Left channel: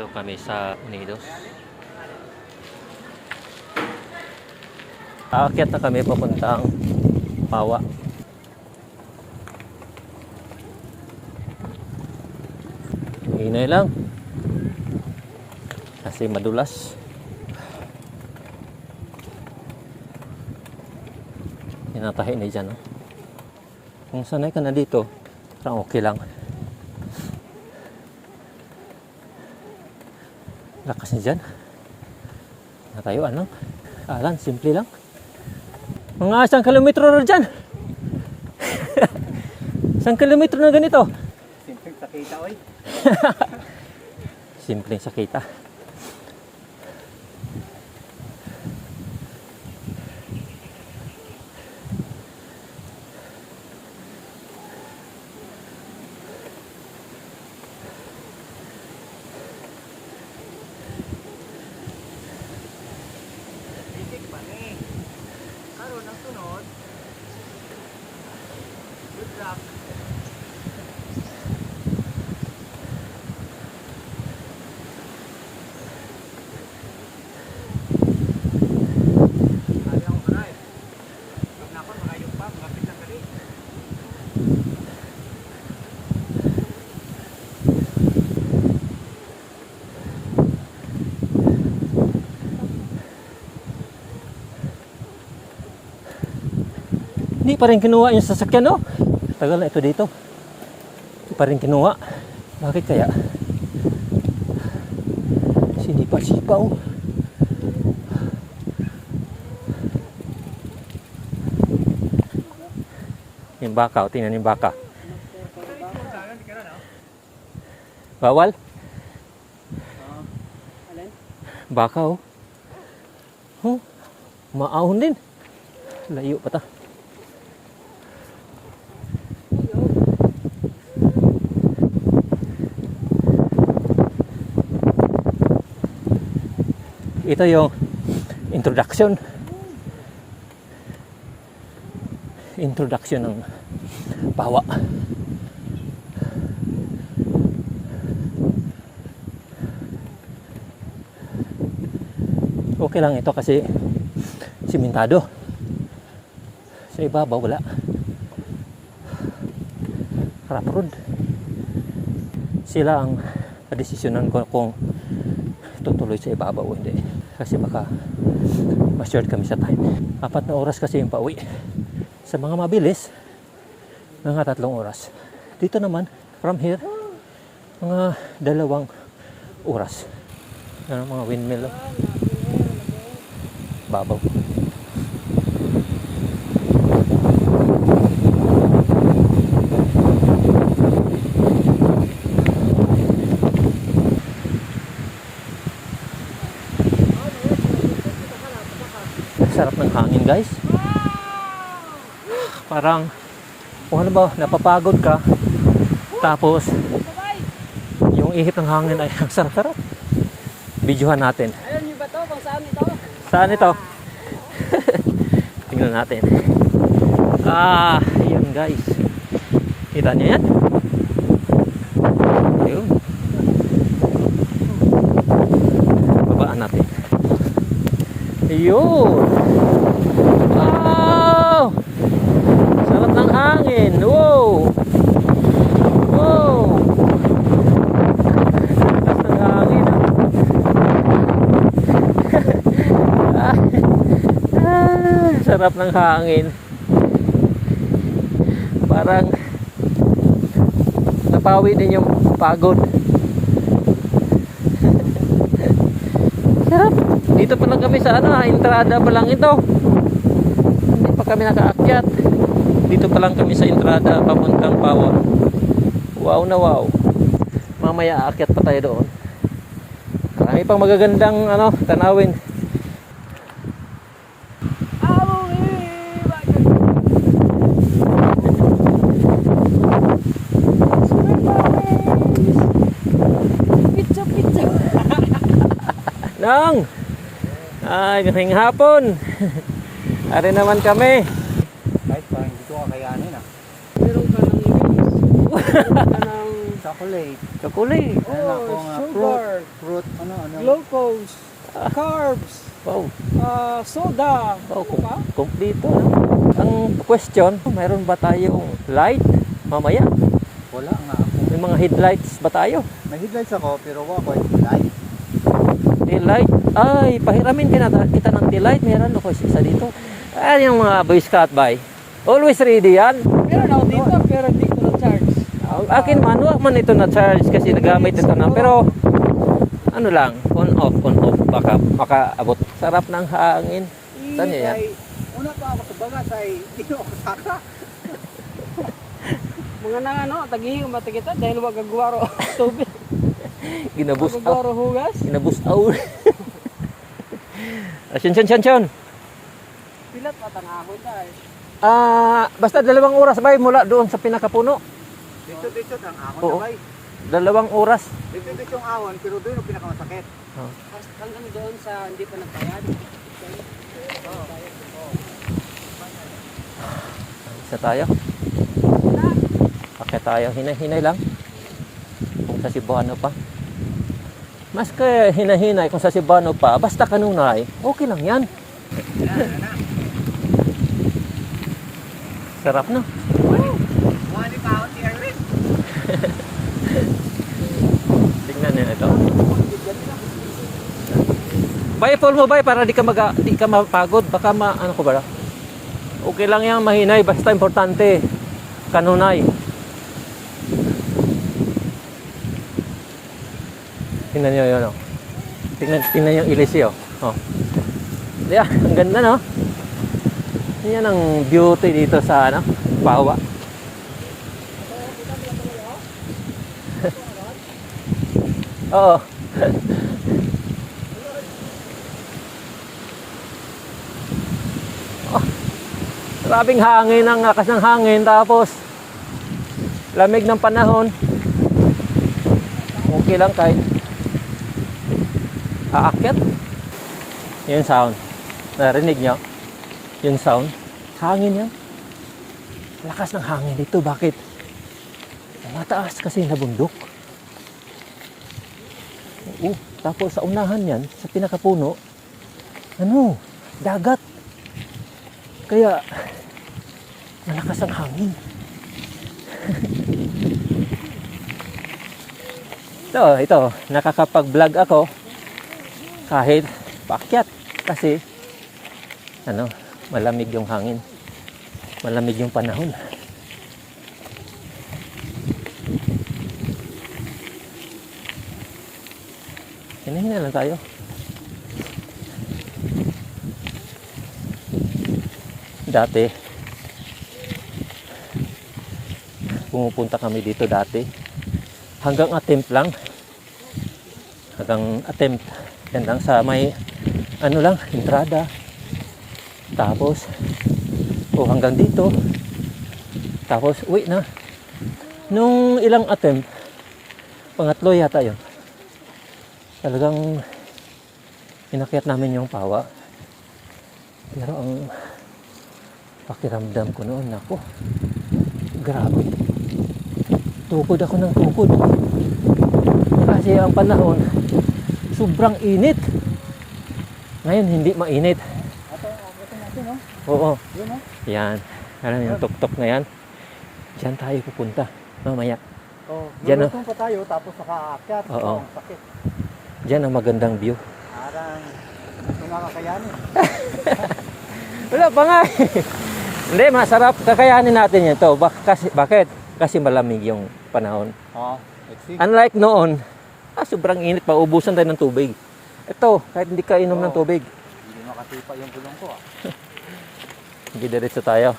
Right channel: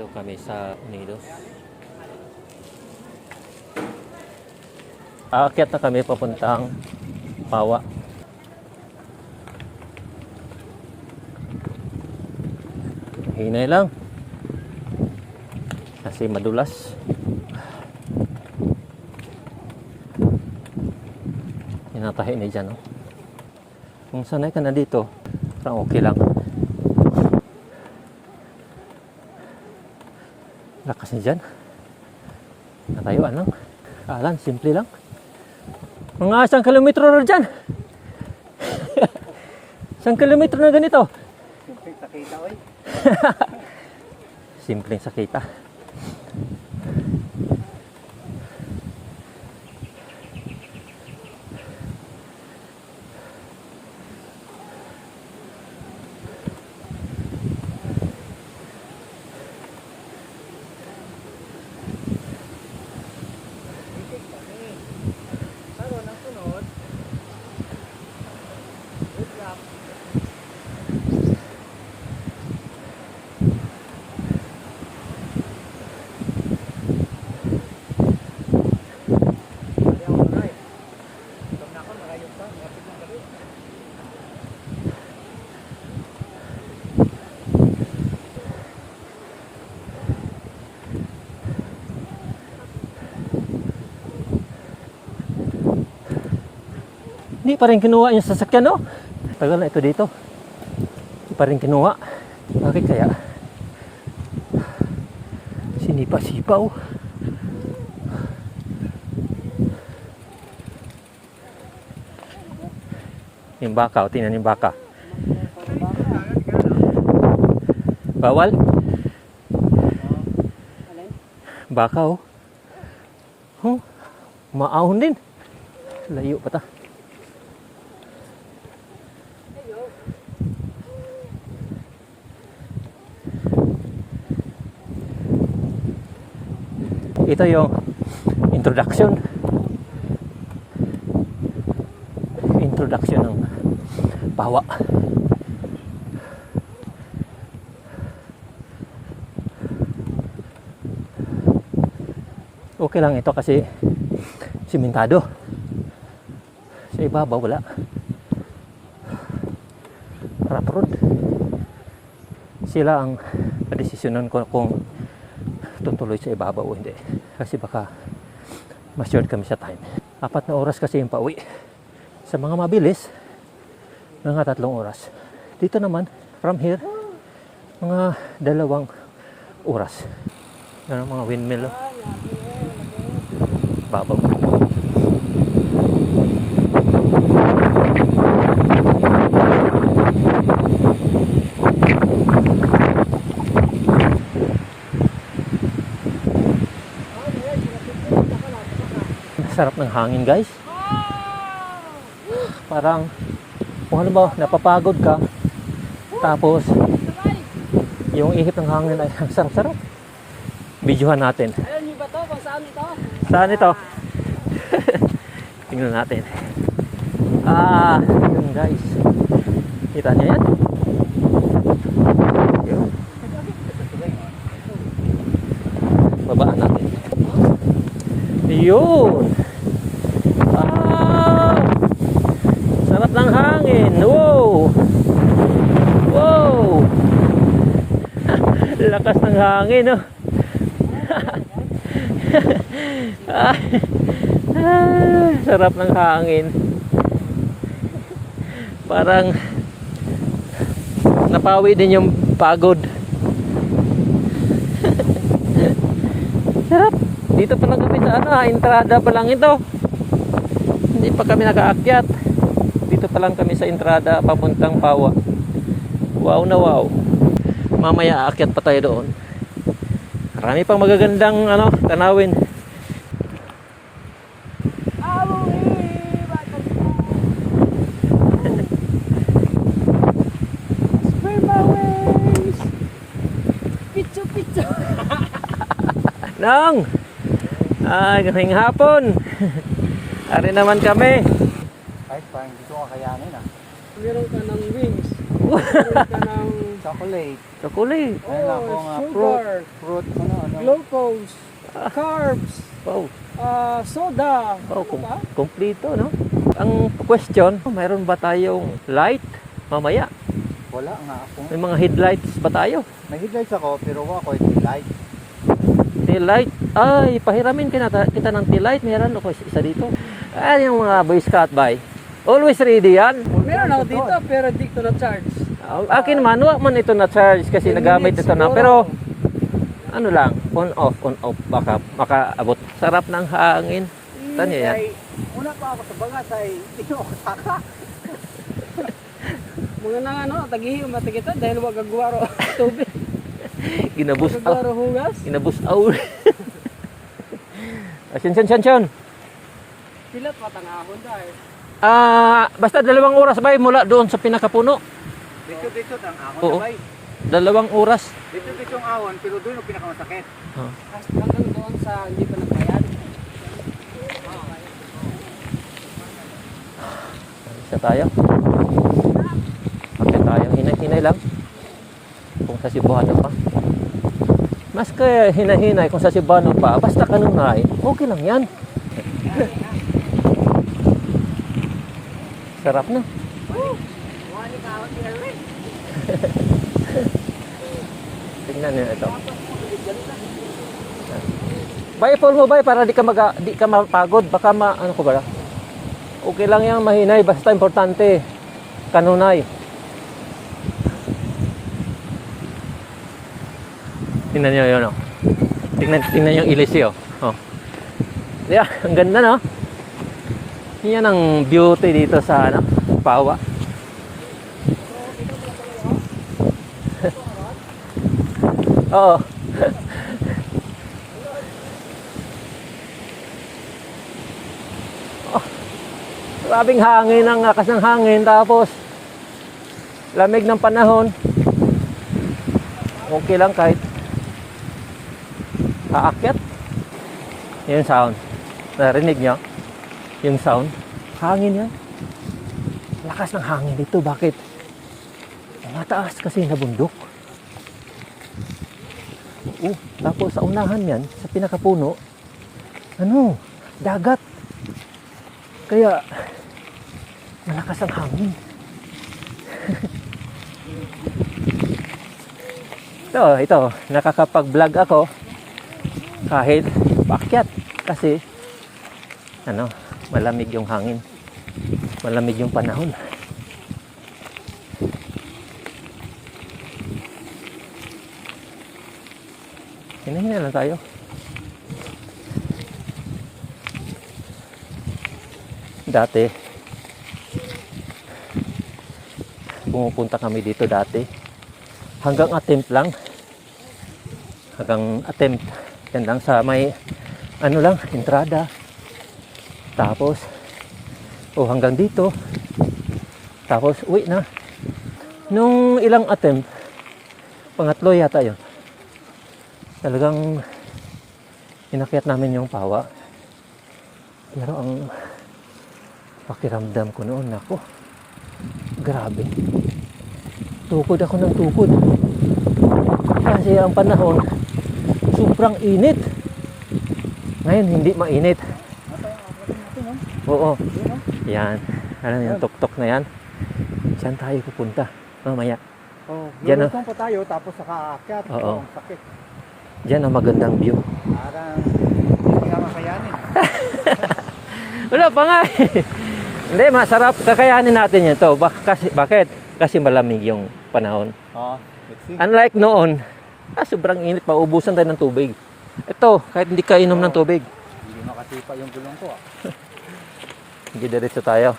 Ito kami sa Unidos. Aakyat na kami papuntang Pawa. Hinay lang. Kasi madulas. Inatahi ni dyan. Oh. Kung sanay ka na dito, parang okay lang. Lakas niya dyan. Natayuan lang. Alan, simple lang. Mga 1 kilometro na dyan. 1 kilometro na ganito. Simpleng sakita, oy. Simpleng sakita. Hindi pa rin kinuha yung sasakyan, no? Tagal na ito dito. Hindi pa rin kinuha. Bakit kaya? Sinipa-sipa, oh. Yung baka, oh. Tingnan yung baka. Bawal? Baka, oh. Oh, maahon din. Layo pa ta. Ito yung introduction ng Pawa. Okay lang ito kasi simentado. Sa ibabaw wala. Rough road. Sila ang padesisyonan ko kung tutuloy sa ibabaw o hindi. Kasi baka ma-short kami sa time. 4 na oras kasi yung pauwi. Sa mga mabilis, mga 3 oras. Dito naman, from here, mga 2 oras. Yan ang mga windmill. Babaw. Sarap ng hangin, guys. Parang kung ano ba, napapagod ka tapos yung ihip ng hangin ay ang sarap-sarap. Videohan natin. Ayun, yung ba to? Kung saan ito? Saan ito? Tingnan natin. Yun, guys. Kita niyo yan? Yun. Babaan natin. Yun. Wow! Sarap ng hangin. Wow! Wow! Lakas ng hangin, no? Sarap ng hangin. Parang napawi din yung pagod. Sarap. Dito pa lang kami sa entrada pa lang ito. Hindi pa kami nakaakyat. Dito pa lang kami sa entrada papuntang Pawa. Wow na wow. Mamaya aakyat pa tayo doon. Marami pang magagandang tanawin. Nang! Ay, ngayong hapon. Ari naman kami. Kahit parang hindi ko kakayanin, ah. Meron ka ng mix. Meron ka ng Chocolate. Chocolate. oh, sugar. Fruit glucose, carbs, Wow. Soda. Wow, Ano pa? kompleto, no? Ang question, mayroon ba tayong light mamaya? Wala nga ako. May mga headlights ba tayo? May headlights ako, pero wala ko light. Tail light? Ay, pahiramin kita ng tail light. Meron ako isa dito. Ayan yung mga Boy Scout bay. Always ready yan. Meron ako dito, pero di ko na-charge. Akin man, wag man ito na charge kasi nagamit ito na. Pero, ano lang, on off. Baka makaabot. Sarap ng hangin. Saan niya yan? Una pa ako sa bagas ay hindi ko ako saka. Mga nang ano, tagihin ko matigita dahil wag gagwaro tubig. Ginabus out. Gagwaro hugas. Ginabus out. Syon. Pilat pa tanahon dahil. Basta 2 oras ba mula doon sa pinakapuno? Dito ang ahon. Oo. Sabay. 2 oras. Dito yung ahon, pero doon yung pinakamasakit. Oh. Hanggang doon sa hindi pa nagbayad. Isa tayo. Pakit tayo. Hinay-hinay lang. Kung sa Cebuano pa. Mas kaya hinay-hinay kung sa Cebuano pa. Basta kanunay. Okay lang yan. Sarap no? Tingnan niyo ito. Bay, full mo bay para di ka mapagod. Baka ano ko ba? Okay lang yan, mahinay. Basta importante. Kanunay. Tingnan niyo yun, oh. Tingnan yung ilis, oh. Oh. Yeah, ang ganda, no? Yan ang beauty dito sa, ano, Pawa. Oo. Oh, grabing hangin, ang lakas ng hangin, tapos lamig ng panahon. Okay lang kahit aakyat. Yung sound. Narinig nyo? Yung sound. Hangin yan. Lakas ng hangin dito. Bakit? Mataas kasi na bundok. Oo. Tapos sa unahan yan, sa pinakapuno, ano? Dagat. Kaya, malakas ang hangin. Ito, nakakapag-vlog ako kahit paakyat kasi ano, malamig yung hangin. Malamig yung panahon. Hinahina lang tayo. Dati pumupunta kami dito dati. Hanggang attempt lang. Yan lang sa may ano lang, entrada. Tapos hanggang dito. Tapos uwi na. Nung ilang attempt, pangatlo yata yun. Talagang inakyat namin yung Pawa. Pero ang pakiramdam ko noon, nako, grabe. Tukod ako ng tukod. Kasi ang panahon, sobrang init. Ngayon, hindi mainit. Oo. Yan. Alam yung tuktok na yan. Diyan tayo pupunta. Mamaya. Diyan Diyan pa tayo, tapos nakaakyat. Oo. Sakit. Diyan ang magandang view. Parang hindi nga makayanin. Wala pa nga. Hindi, masarap. Kakayanin natin yan to. Bakit? Kasi malamig yung panahon. Oo. Let's see. Unlike noon, sobrang init. Paubusan tayo ng tubig. Ito, kahit hindi ka inom ng tubig. Hindi nakatipa yung gulong ko. Hindi diretso tayo.